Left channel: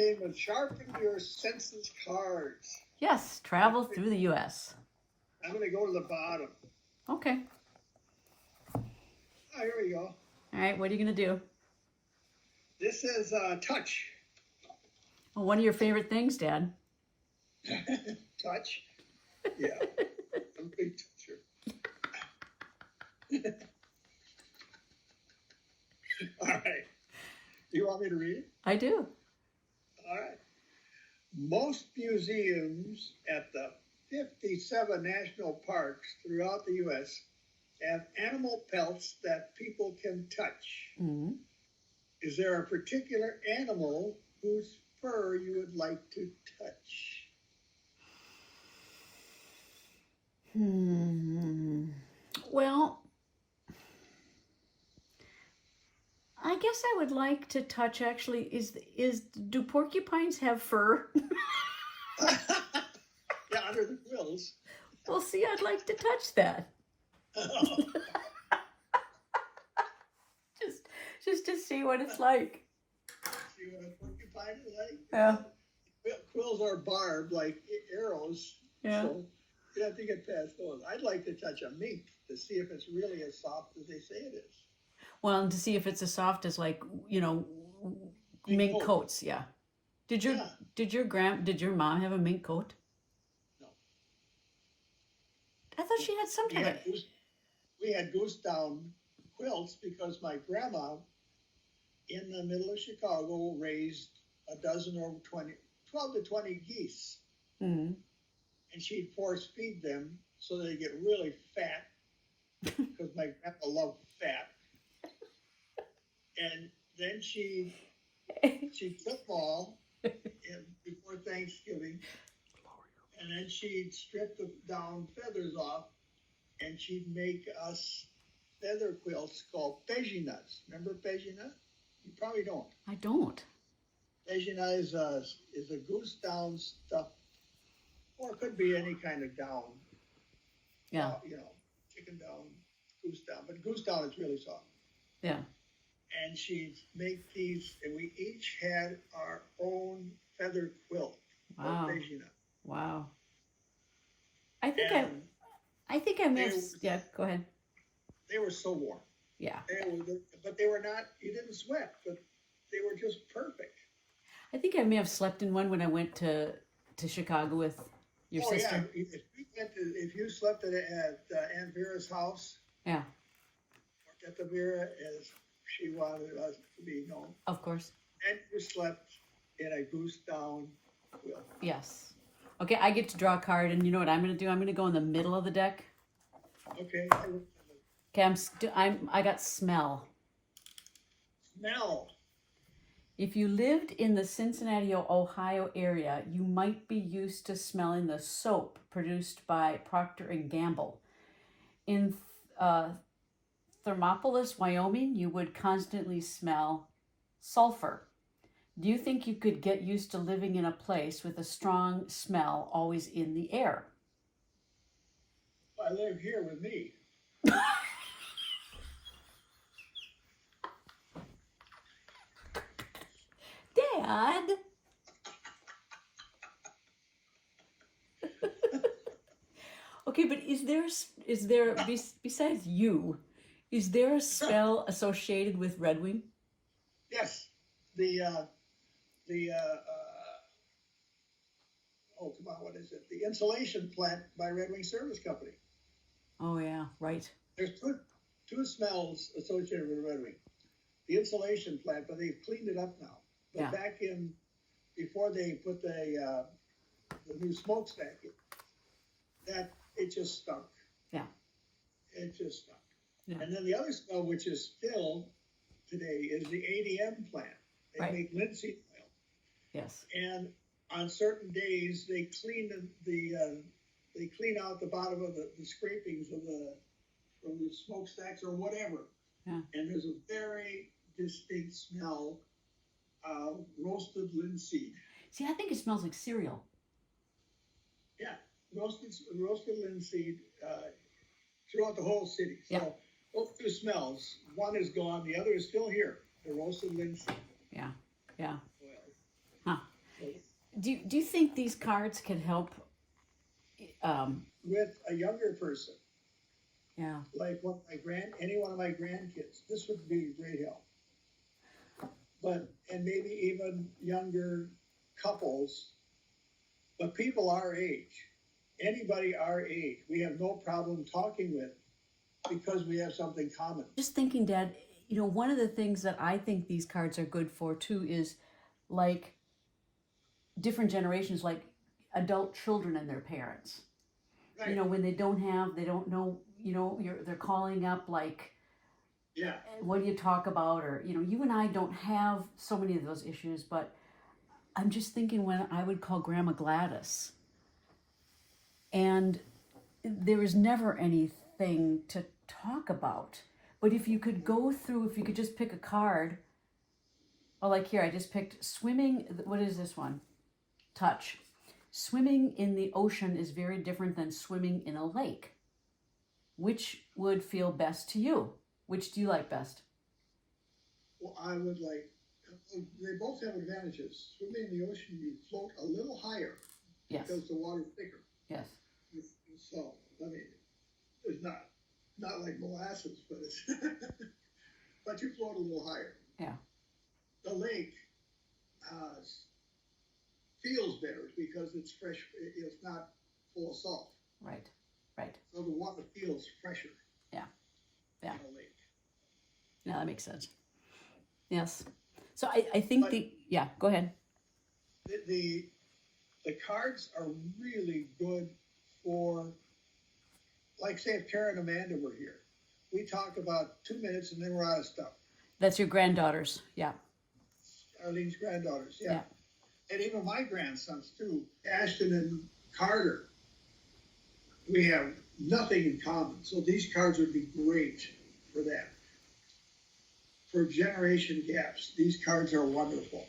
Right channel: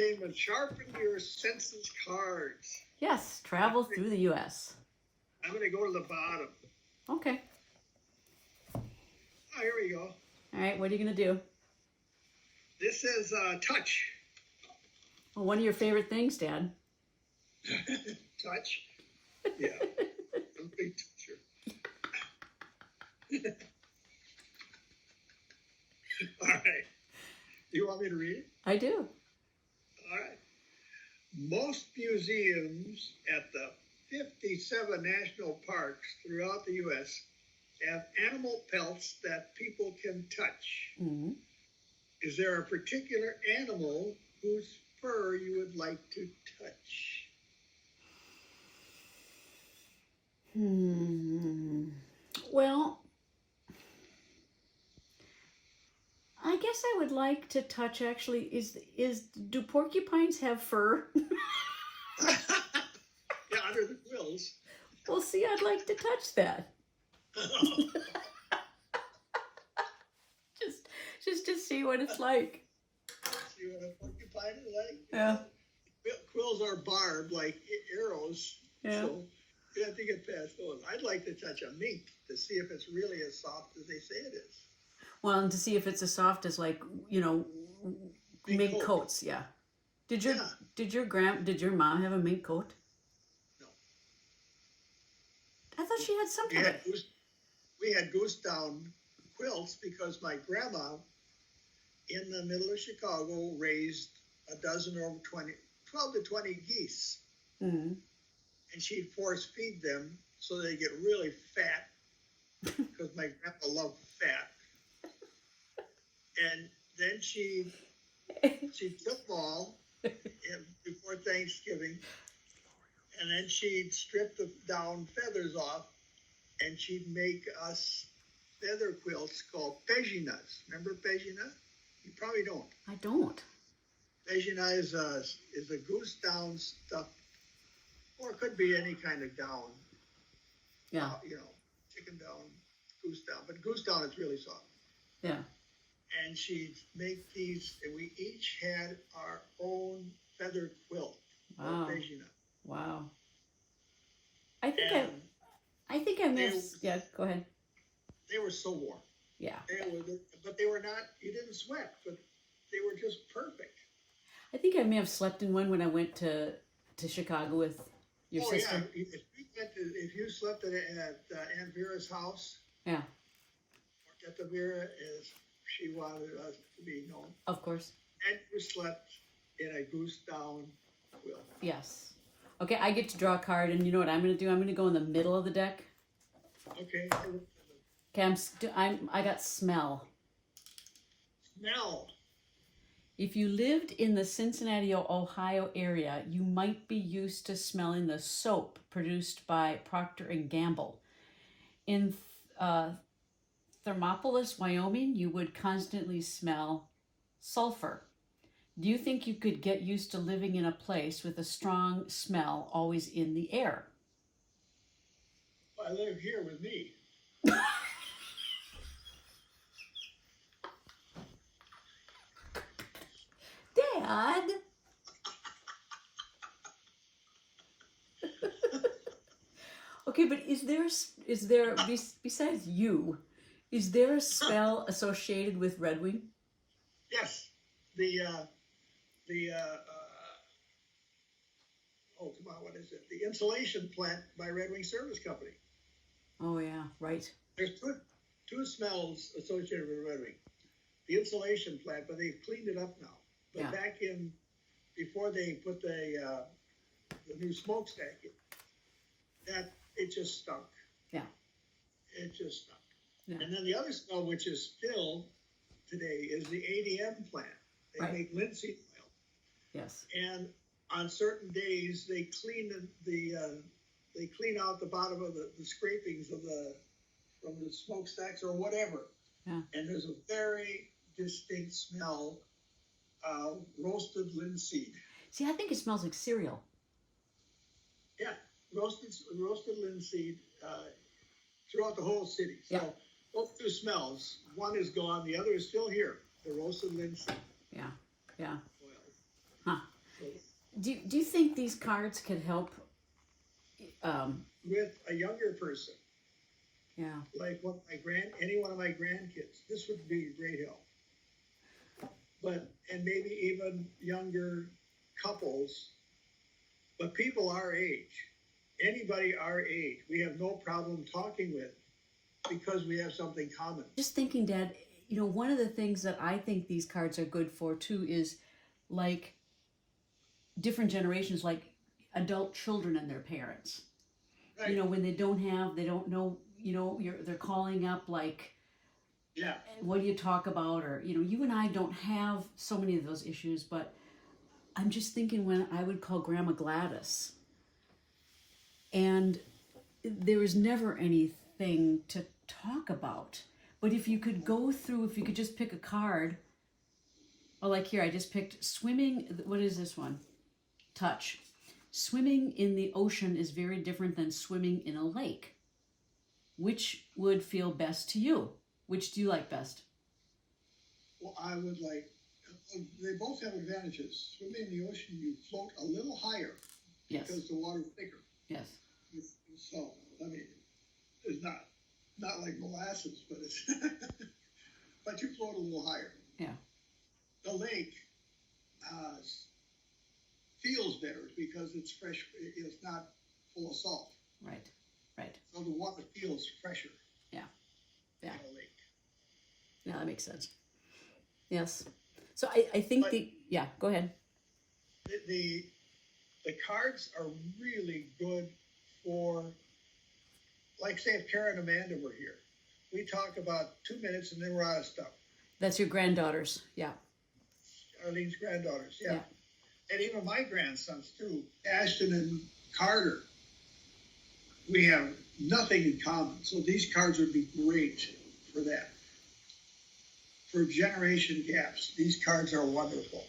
entertainment. Sharpen your senses cards. Yes, travel through the U.S. I'm going to go to the bottom. Okay. Oh, here we go. All right, what are you going to do? This is touch. Well, one of your favorite things, Dad. Touch? Yeah. I'm a big toucher. All right. You want me to read it? I do. All right. Most museums at the 57 national parks throughout the U.S. have animal pelts that people can touch. Mm-hmm. Is there a particular animal whose fur you would like to touch? Well, I guess I would like to touch. Actually, do porcupines have fur? Yeah, under the quills. Well, see, I'd like to touch that. just to see what it's like. See what a porcupine is like? Yeah. Quills are barbed like arrows. Yeah. So you have to get past those. I'd like to touch a mink to see if it's really as soft as they say it is. Well, and to see if it's as soft as, like, mink coats. Yeah. Did your mom have a mink coat? No. I thought she had some kind of. We had goose down quilts because my grandma in the middle of Chicago raised a dozen or 12 to 20 geese. Mm-hmm. And she'd force feed them so they get really fat because my grandpa loved fat. And then she took them all before Thanksgiving, and then she'd strip the down feathers off, and she'd make us feather quilts called paginas. Remember pagina? You probably don't. I don't. Pagina is a goose down stuff, or it could be any kind of down. Yeah. Chicken down, goose down, but goose down is really soft. Yeah. And she'd make these, and we each had our own feather quilt. Wow. Pagina. Wow. I think I miss. Yeah, go ahead. They were so warm. Yeah. But they were not. You didn't sweat, but they were just perfect. I think I may have slept in one when I went to Chicago with your sister. Yeah. If you slept at Aunt Vera's house. Yeah. Or at the Vera, as she wanted us to be known. Of course. And you slept in a goose down quilt. Yes. Okay, I get to draw a card, and you know what I'm going to do? I'm going to go in the middle of the deck. Okay. Okay, I got smell. Smell. If you lived in the Cincinnati, Ohio area, you might be used to smelling the soap produced by Procter & Gamble. In Thermopolis, Wyoming, you would constantly smell sulfur. Do you think you could get used to living in a place with a strong smell always in the air? I live here with me. Dad? Okay, but is there besides you, is there a smell associated with Red Wing? Yes. What is it? The insulation plant by Red Wing Service Company. Oh yeah, right. There's two smells associated with Red Wing. The insulation plant, but they've cleaned it up now. But back before they put the new smokestack in, it just stunk. Yeah. It just stunk. Yeah. And then the other smell, which is still today, is the ADM plant. They make linseed oil. Yes. And on certain days, they clean they clean out the bottom of the scrapings from the smokestacks or whatever. Yeah. And there's a very distinct smell of roasted linseed. See, I think it smells like cereal. Yeah, roasted linseed throughout the whole city. So both two smells, one is gone, the other is still here. The roasted linseed. Yeah. Yeah. Oil. Huh. do you think these cards could help? With a younger person, Yeah. like any one of my grandkids, this would be a great help. And maybe even younger couples, but people our age, anybody our age, we have no problem talking with because we have something common. Just thinking, Dad, one of the things that I think these cards are good for too is like different generations, like adult children and their parents. Right. When they don't know, they're calling up like, Yeah. what do you talk about? Or, you and I don't have so many of those issues, but I'm just thinking when I would call Grandma Gladys and there was never anything to talk about. But if you could just pick a card, like here, I just picked swimming. What is this one? Touch. Swimming in the ocean is very different than swimming in a lake. Which would feel best to you? Which do you like best? Well, they both have advantages. Swimming in the ocean, you float a little higher. Yes. Because the water's thicker. Yes. So, it's not like molasses, but but you float a little higher. Yeah. The lake feels better because it's fresh. It's not full of salt. Right. So the water feels fresher. Yeah. In a lake. Yeah, that makes sense. Yes. So I think go ahead. The cards are really good for, like, say if Karen and Amanda were here, we talk about 2 minutes and then we're out of stuff. That's your granddaughters, yeah. Arlene's granddaughters, yeah. And even my grandsons too, Ashton and Carter. We have nothing in common, so these cards would be great for that. For generation gaps, these cards are wonderful.